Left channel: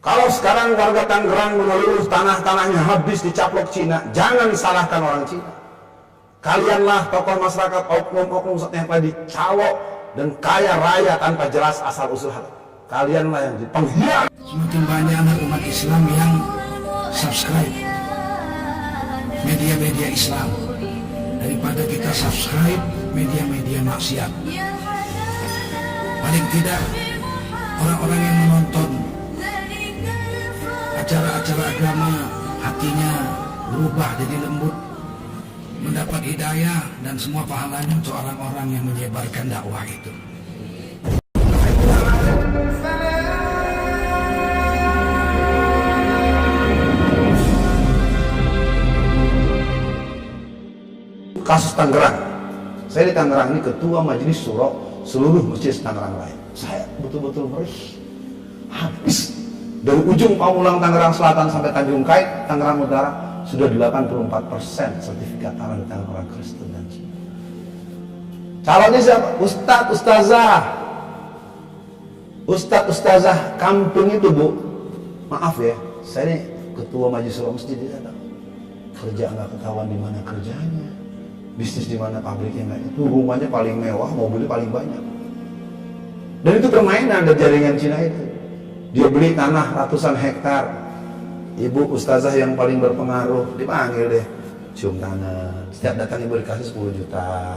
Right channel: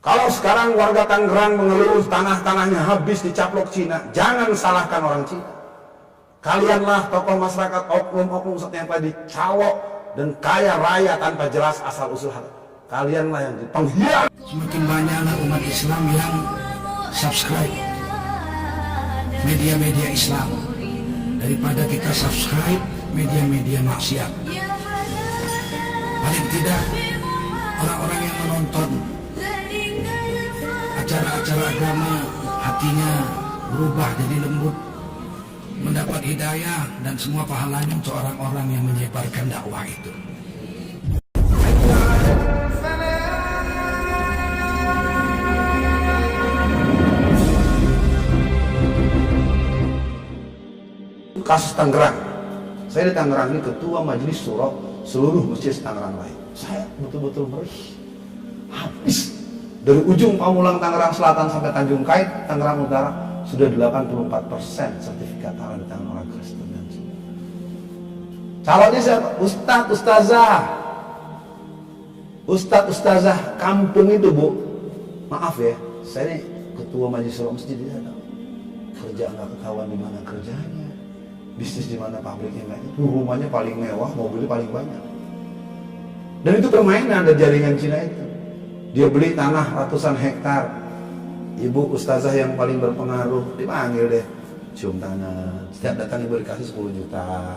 Kalau sekarang warga Tangerang mengeluh tanah-tanahnya habis dicaplok Cina, jangan salahkan orang Cina. Kalianlah tokoh masyarakat, oknum-oknum yang telah dicalok dan kaya raya tanpa jelas asal-usul harta. Kalianlah yang pengkhianat. Semakin banyak anak umat Islam yang subscribe media-media Islam daripada kita subscribe media-media maksiat. Paling tidak orang-orang yang menonton acara-acara agama hatinya berubah jadi lembut, mendapat hidayah dan semua pahalanya untuk orang-orang yang menyebarkan dakwah itu. Kasus Tangerang, saya di Tangerang ini ketua majelis syuro seluruh masjid Tangerang Raya. Saya betul-betul merih, habis dari ujung Pamulang Tangerang Selatan sampai Tanjung Kait Tangerang Utara sudah 84% sertifikat tanah di tangan orang Kristen dan Cina. Calonnya siapa? Ustadz, ustazah kampung itu, Bu. Maaf ya, saya ini ketua majelis syuro masjid, saya tahu kerja nggak ketahuan di mana kerjanya, bisnis di mana pabriknya nggak, itu rumahnya paling mewah, mobilnya paling banyak. Dan itu permainan dari jaringan Cina itu. Dia beli tanah ratusan hektar. Ibu ustazah yang paling berpengaruh dipanggil deh, cium tangan. Setiap datang ibu dikasih 10 juta.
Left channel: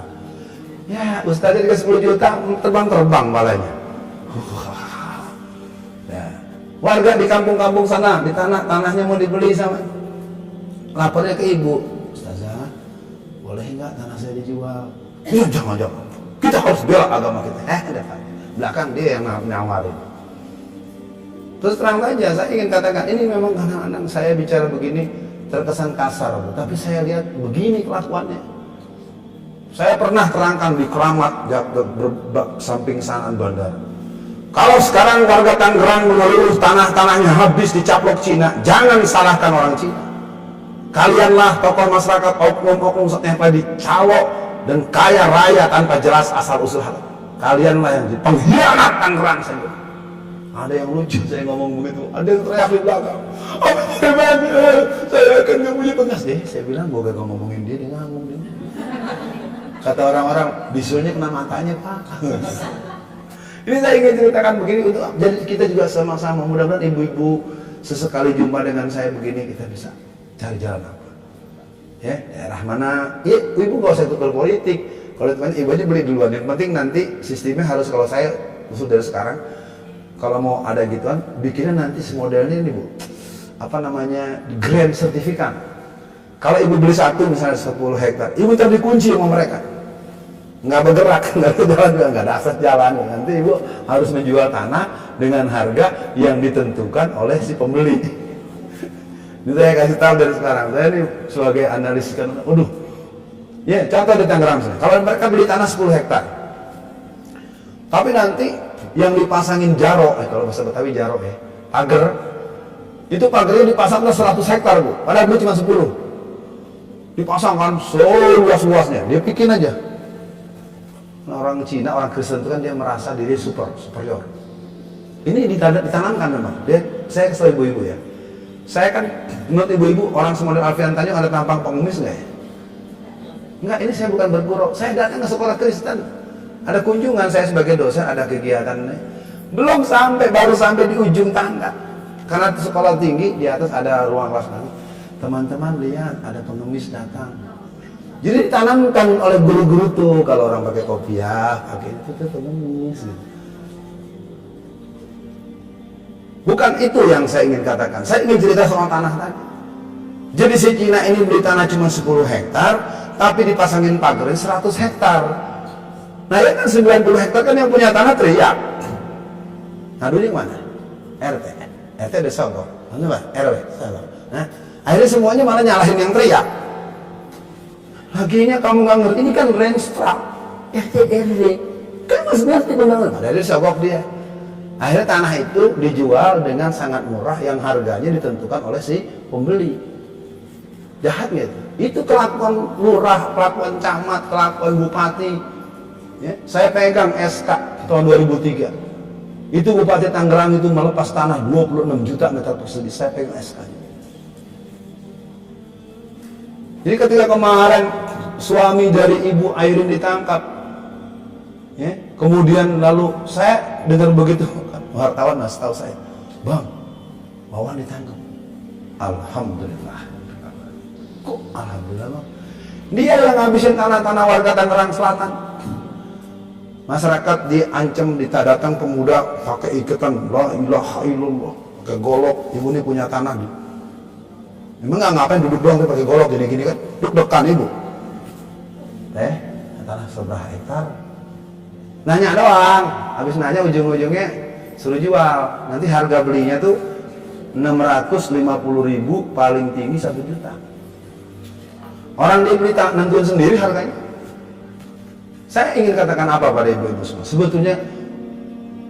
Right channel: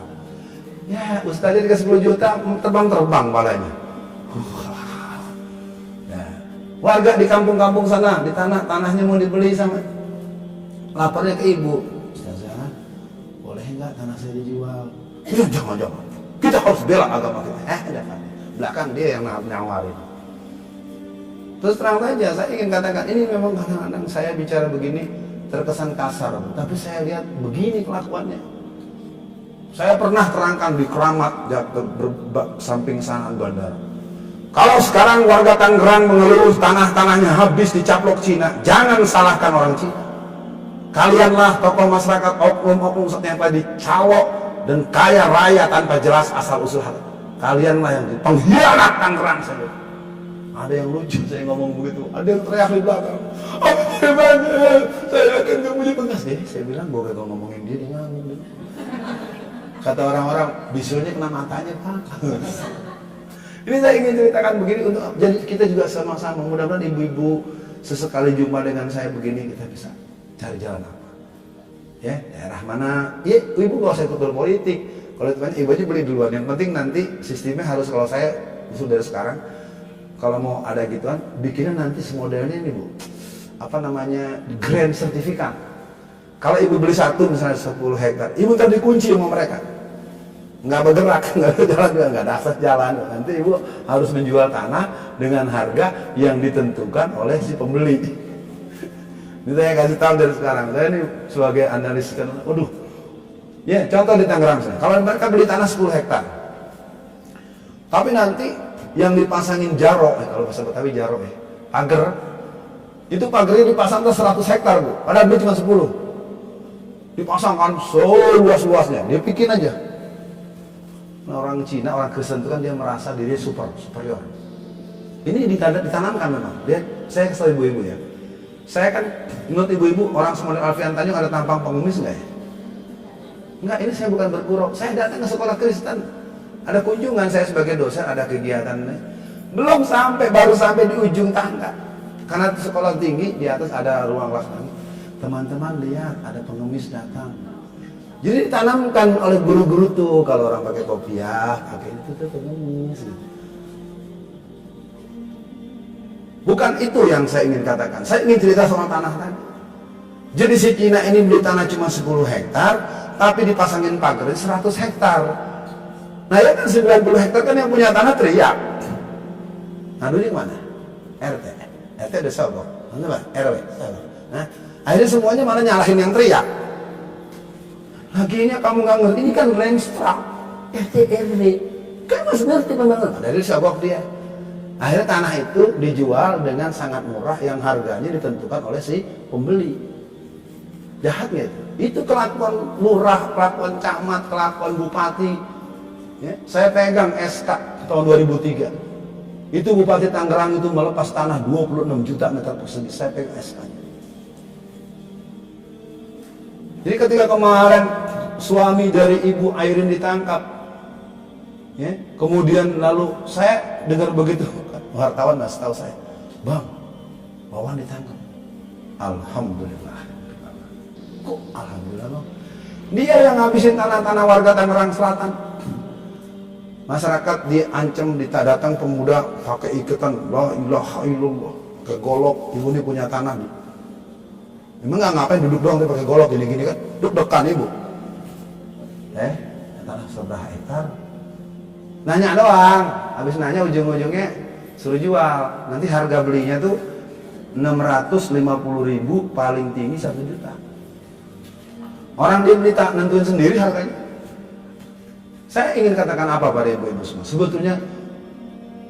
Ya, ustazah dikasih 10 juta, terbang-terbang balanya. Nah, warga di kampung-kampung sana, di tanahnya mau dibeli sama, lapornya ke ibu, ustazah, boleh nggak tanah saya dijual? Ya, jangan, kita harus bela agama kita. Belakang dia yang nawarin. Terus terang saja, saya ingin katakan, ini memang kadang-kadang saya bicara begini terkesan kasar, tapi saya lihat begini kelakuannya. Saya pernah terangkan di Keramat, samping sanaan bandara. Kalau sekarang warga Tangerang mengeluh tanah-tanahnya habis dicaplok Cina, jangan salahkan orang Cina. Kalianlah tokoh masyarakat, oknum-oknum yang telah dicalok dan kaya raya tanpa jelas asal-usul harta. Kalianlah yang pengkhianat Tangerang saja. Ada yang lucu saya ngomong begitu, ada yang teriak di belakang, bagaimana saya akan gak punya bekas deh. Saya bilang, gue gak ngomongin dia ngomong dia. Kata orang-orang, bisulnya kena matanya, Pak. Ini saya ingin ceritakan begini untuk jadi kita juga sama-sama, mudah-mudahan ibu-ibu sesekali jumpa dengan saya begini kita bisa cari jalan apa. Ya, daerah mana? Ya, ibu gak usah ikut berpolitik. Kalau temannya ibu aja beli duluan. Yang penting nanti sistemnya harus, kalau saya usul dari sekarang, kalau mau ada gituan, bikinnya nanti semodelnya ini, Bu. Apa namanya? Grand sertifikat. Kalau ibu beli satu misalnya 10 hektar, ibu ntar dikunci sama mereka. Nggak bergerak, nggak ada jalan juga, nggak ada akses jalan. Nanti ibu harus menjual tanah dengan harga yang ditentukan oleh si pembeli. Ini saya kasih tahu dari sekarang. Saya ini sebagai analis kan, waduh. Ya, contoh di Tangerang misalnya. Kalau mereka beli tanah 10 hektar. Tapi nanti yang dipasangin jaro, kalau bahasa Betawi jaro ya, pagar. Itu pagarnya dipasang 100 hektar, Bu. Padahal beli cuma 10. Dipasangkan seluas-luasnya. Dia bikin aja. Nah, orang Cina, orang Kristen itu kan dia merasa diri superior. Ini ditanamkan memang. Saya kesel ibu-ibu ya. Saya kan, menurut ibu-ibu, orang semodel Alfian Tanjung ada tampang pengemis nggak ya? Enggak, ini saya bukan bergurau. Saya datang ke sekolah Kristen. Ada kunjungan, saya sebagai dosen, ada kegiatan. Baru sampai di ujung tangga. Karena sekolah tinggi, di atas ada ruang kelas. Teman-teman lihat, ada pengemis datang. Jadi ditanamkan oleh guru-guru tuh, kalau orang pakai kopiah, pakai itu tuh pengemis. Gitu. Bukan itu yang saya ingin katakan. Saya ingin cerita soal tanah tadi. Jadi si Cina ini beli tanah cuma 10 hektar, tapi dipasangin pagerin 100 hektar. Nah ya kan 90 hektar kan yang punya tanah teriak. Nah duitnya mana? RT ada sogok. RW sogok. Nah, akhirnya semuanya malah nyalahin yang teriak. Laginya kamu nggak ngerti, ini kan Renstra, RT RW, kan masih ngerti pembangunan. Dari sogok dia. Akhirnya tanah itu dijual dengan sangat murah yang harganya ditentukan oleh si pembeli. Jahatnya itu. Itu kelakuan lurah, kelakuan camat, kelakuan bupati. Ya, saya pegang SK tahun 2003. Itu Bupati Tangerang itu melepas tanah 26 juta meter persegi. Saya pegang SK-nya. Jadi ketika kemarin suami dari Ibu Airin ditangkap, ya, kemudian lalu saya dengar begitu, wartawan nggak tahu saya, Bang, Wawan ditangkap. Alhamdulillah. Kok alhamdulillah, Bang? Dia yang ngabisin tanah-tanah warga Tangerang Selatan. Masyarakat diancam, datang pemuda pakai iketan, la ilaha illallah, pakai golok. Ibu ini punya tanah. Emang nggak ngapain duduk doang, pakai golok gini-gini kan? Deg-degan ibu. Tanah seberapa hektar? Nanya doang. Habis nanya ujung-ujungnya suruh jual. Nanti harga belinya tuh 650.000, paling tinggi 1 juta. Orang dia beli nentuin sendiri harganya. Saya ingin katakan apa pada ibu-ibu semua? Sebetulnya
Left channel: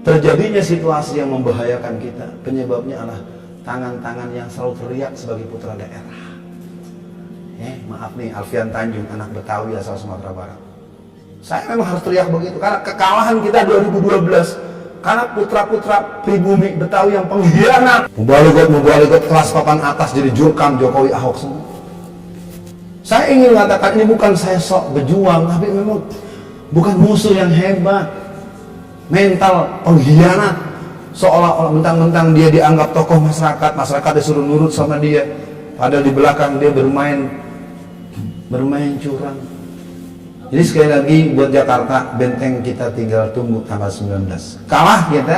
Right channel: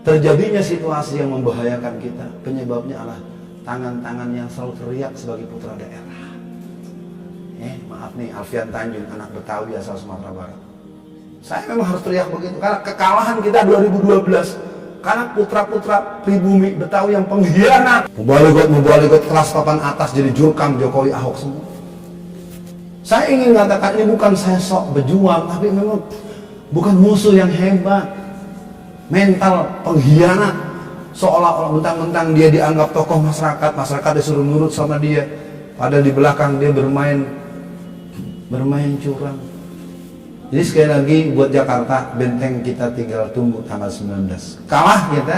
terjadinya situasi yang membahayakan kita, penyebabnya adalah tangan-tangan yang selalu teriak sebagai putra daerah. Maaf nih, Alfian Tanjung, anak Betawi asal Sumatera Barat. Saya memang harus teriak begitu karena kekalahan kita 2012 karena putra-putra pribumi Betawi yang pengkhianat, membaligot kelas papan atas jadi jurkam Jokowi Ahok semua. Saya ingin mengatakan ini bukan saya sok berjuang, tapi memang bukan musuh yang hebat, mental pengkhianat, seolah-olah mentang-mentang dia dianggap tokoh masyarakat disuruh nurut sama dia, padahal di belakang dia bermain curang. Jadi sekali lagi buat Jakarta, benteng kita tinggal tunggu tanggal 19. Kalah kita,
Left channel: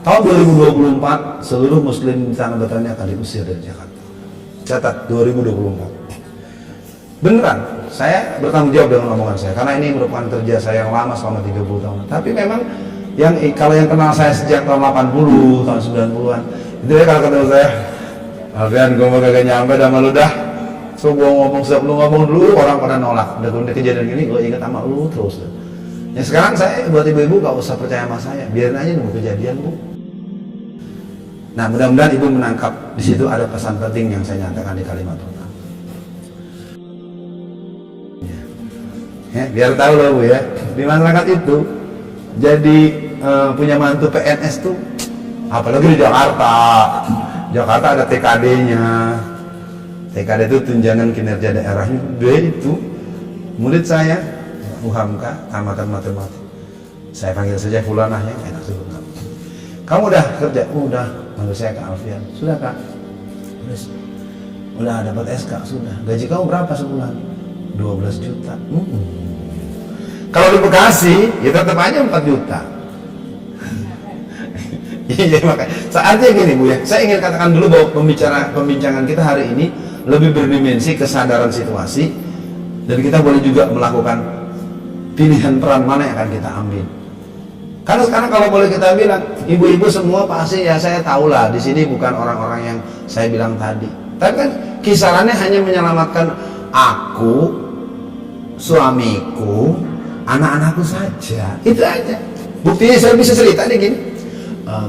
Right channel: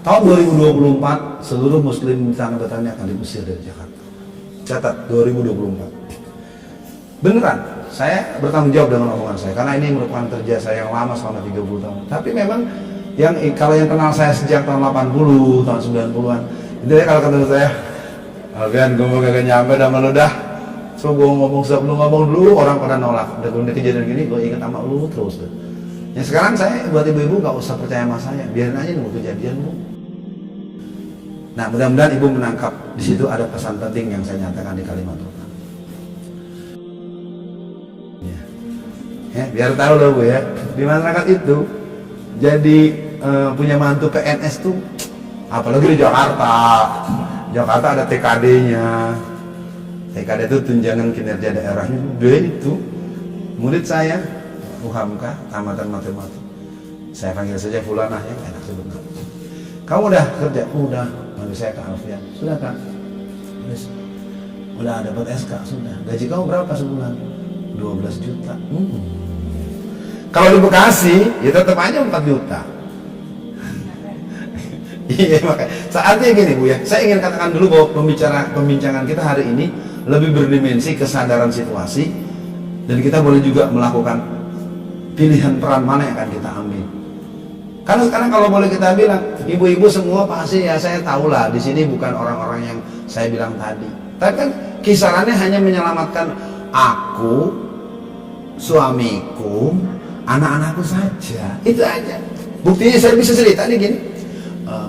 tahun 2024 seluruh muslim di tanah Betawi akan diusir dari Jakarta. Catat 2024. Beneran, saya bertanggung jawab dengan omongan saya karena ini merupakan kerja saya yang lama selama 30 tahun. Tapi memang kalau yang kenal saya sejak tahun 80, tahun 90-an, itu ya kalau ketemu saya, Alfian, gue mau kagak nyampe dah sama lu dah. So gue ngomong, lu ngomong dulu, orang pada nolak. Udah kejadian gini, gue ingat sama lu terus. Ya sekarang saya buat ibu-ibu gak usah percaya sama saya, biarin aja nunggu kejadian, Bu. Nah, mudah-mudahan ibu menangkap di situ ada pesan penting yang saya nyatakan di kalimat pertama. Biar tahu loh Bu ya, di masyarakat itu jadi punya mantu PNS tuh, apalagi di Jakarta. Jakarta ada TKD-nya. TKD itu tunjangan kinerja daerahnya. Dia itu murid saya, UHAMKA, tamatan matematik. Saya panggil saja Fulanah ya, enak sebut. Kamu udah kerja? Udah. Manggil saya Kak Alfian. Sudah Kak? Udah dapat SK? Sudah. Gaji kamu berapa sebulan? 12 juta. Kalau di Bekasi, ya tetap aja 4 juta. Iya makanya. Saatnya gini Bu ya, saya ingin katakan dulu bahwa pembincangan kita hari ini lebih berdimensi kesadaran situasi, dan kita boleh juga melakukan pilihan peran mana yang akan kita ambil. Karena sekarang kalau boleh kita bilang, ibu-ibu semua pasti ya saya tahulah di sini bukan orang-orang yang saya bilang tadi. Tapi kan kisarannya hanya menyelamatkan aku, suamiku, anak-anakku saja. Itu aja. Buktinya saya bisa cerita nih gini.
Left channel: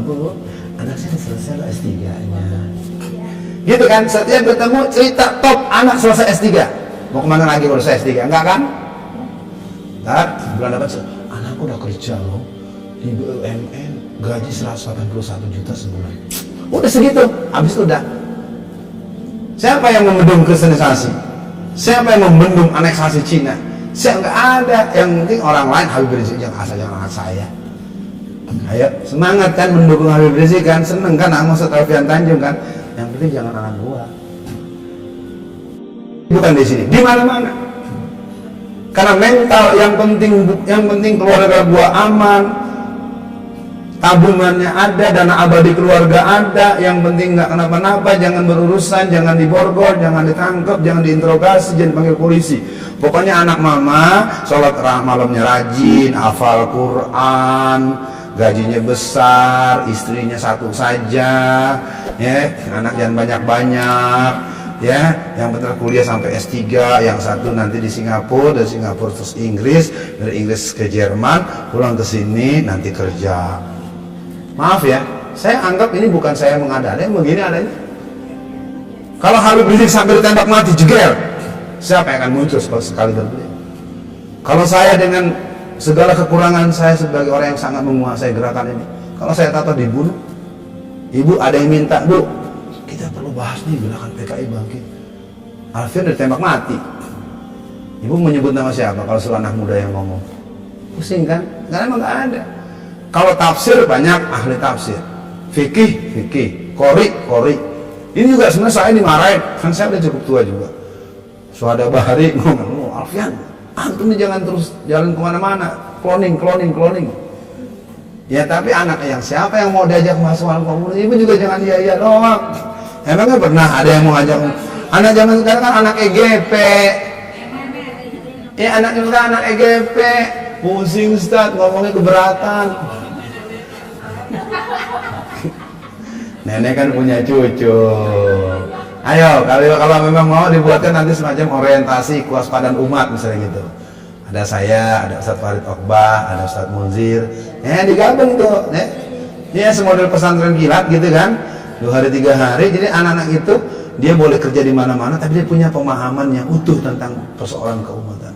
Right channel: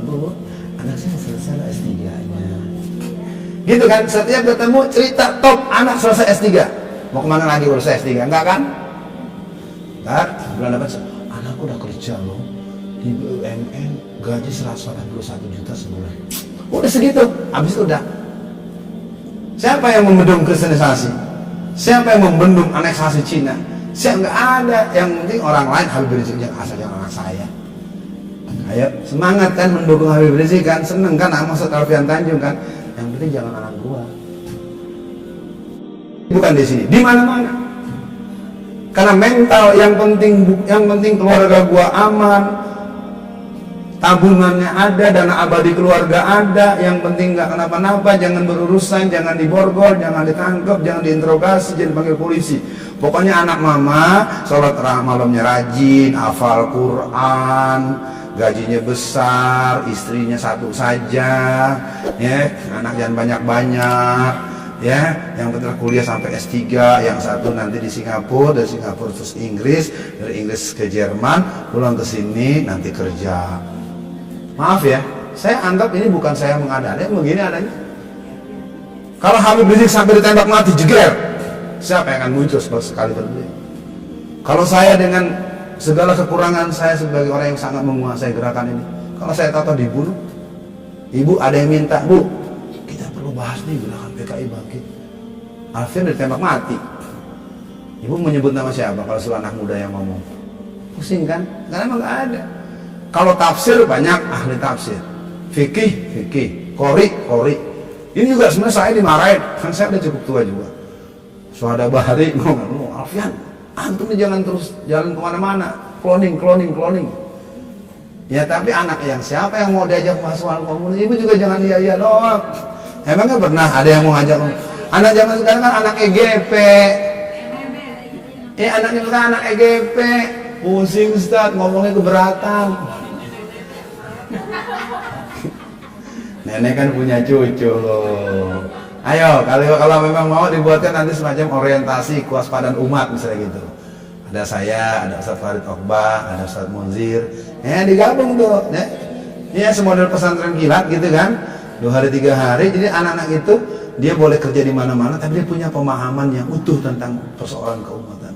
Bu, anak saya selesai loh S3-nya. Gitu kan, setiap ketemu cerita top anak selesai S3. Mau kemana lagi kalau selesai S3? Enggak kan? Ntar bulan depan, anakku udah kerja loh di BUMN, gaji 181 juta sebulan. Udah segitu, habis itu udah. Siapa yang membendung kristenisasi? Siapa yang membendung aneksasi Cina? Siapa? Nggak ada. Yang penting orang lain Habib Rizik, jangan asal jangan anak saya. Ayo semangat kan mendukung Habib Rizik kan, seneng kan maksud Alfian Tanjung kan. Yang penting jangan anak gua. Bukan di sini, di mana-mana. Karena mental yang penting keluarga gua aman, tabungannya ada, dana abadi keluarga ada, yang penting nggak kenapa-napa, jangan berurusan, jangan diborgol, jangan ditangkap, jangan diinterogasi, jangan panggil polisi. Pokoknya anak mama sholat malamnya rajin, hafal Quran, gajinya besar, istrinya satu saja, ya, anak jangan banyak-banyak, ya, yang penting kuliah sampai S3, yang satu nanti di Singapura, dari Singapura terus Inggris, dari Inggris ke Jerman, pulang ke sini nanti kerja. Maaf ya, saya anggap ini bukan saya mengada-ada, begini adanya. Kalau Habib Rizik sampai ditembak mati jeger, siapa yang akan muncul sekali berbeliau? Kalau saya dengan segala kekurangan saya sebagai orang yang sangat menguasai gerakan ini, Kalau saya tahu dibunuh. Ibu ada yang minta, Bu, kita perlu bahas nih gerakan PKI bangkit. Alfian ditembak mati. Ibu menyebut nama siapa kalau suruh anak muda yang ngomong? Pusing kan? Karena emang gak ada. Kalau tafsir banyak ahli tafsir. Fikih, qori. Ini juga sebenarnya saya dimarahin, kan saya udah cukup tua juga. Suhada Bahari ngomong, Alfian, antum nih jangan terus jalan kemana-mana, cloning. Ya tapi anak yang siapa yang mau diajak masuk alam komunis? Ibu juga jangan iya doang. Emangnya pernah ada yang mau ngajak? Anak zaman sekarang kan anak EGP. Ya anaknya sekarang anak EGP. Pusing Ustaz, ngomongnya keberatan. Nenek kan punya cucu. Ayo, kalau memang mau dibuatkan nanti semacam orientasi kewaspadaan umat misalnya gitu. Ada saya, ada Ustadz Farid Okbah, ada Ustadz Munzir. Digabung tuh. Ya semodel pesantren kilat gitu kan. 2 hari 3 hari. Jadi anak-anak itu dia boleh kerja di mana-mana, tapi dia punya pemahaman yang utuh tentang persoalan keumatan.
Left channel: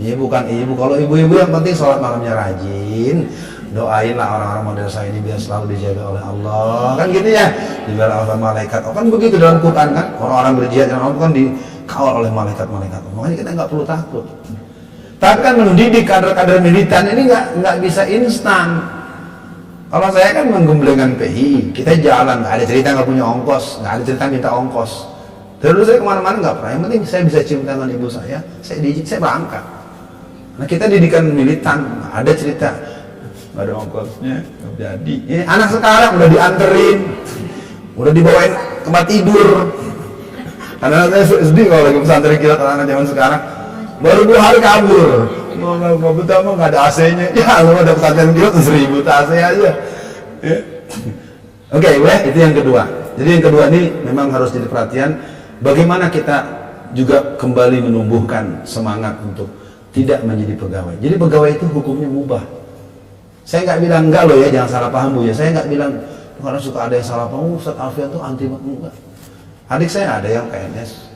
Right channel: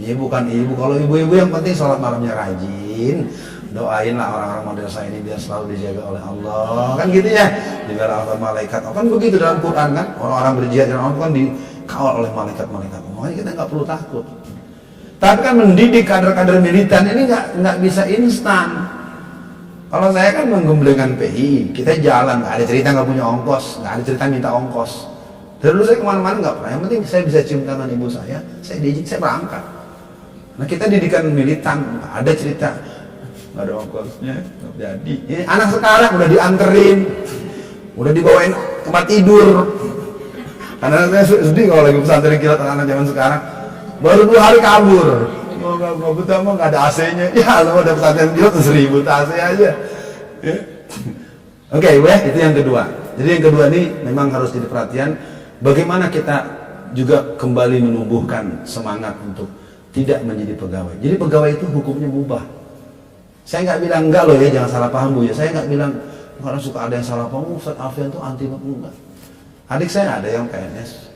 Ini bukan ibu. Kalau ibu-ibu yang penting sholat malamnya rajin. Doainlah orang-orang model saya ini biar selalu dijaga oleh Allah. Kan gitu ya. Dibela oleh malaikat. Oh, kan begitu dalam Quran kan. Orang-orang berjihad yang Allah kan dikawal oleh malaikat-malaikat. Makanya kita nggak perlu takut. Tapi kan mendidik kader-kader militan ini nggak bisa instan. Kalau saya kan menggemblengkan PI, kita jalan, nggak ada cerita nggak punya ongkos, nggak ada cerita minta ongkos. Dari dulu saya kemana-mana nggak pernah. Yang penting saya bisa cium tangan ibu saya diizin, saya berangkat. Nah kita didikan militan, nggak ada cerita, nggak ada ongkosnya, nggak jadi. Ini anak sekarang udah dianterin, udah dibawain tempat tidur. Anak saya sedih kalau lagi pesantren kilat anak-anak zaman sekarang. Baru 2 hari kabur. Nggak betah mah nggak ada AC-nya. Ya lo ada pesantren kilat 1000 AC aja. Ya. Oke, boleh. Itu yang kedua. Jadi yang kedua ini memang harus jadi perhatian. Bagaimana kita juga kembali menumbuhkan semangat untuk tidak menjadi pegawai. Jadi pegawai itu hukumnya mubah. Saya nggak bilang enggak loh ya, jangan salah paham Bu ya. Saya nggak bilang karena suka ada yang salah paham. Ustadz Alfian tuh anti enggak. Adik saya ada yang PNS.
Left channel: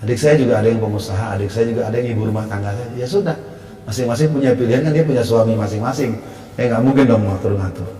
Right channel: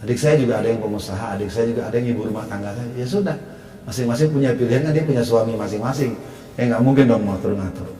Adik saya juga ada yang pengusaha, adik saya juga ada yang ibu rumah tangga saya. Ya sudah, masing-masing punya pilihan kan, dia punya suami masing-masing. Ya nggak mungkin dong ngatur-ngatur.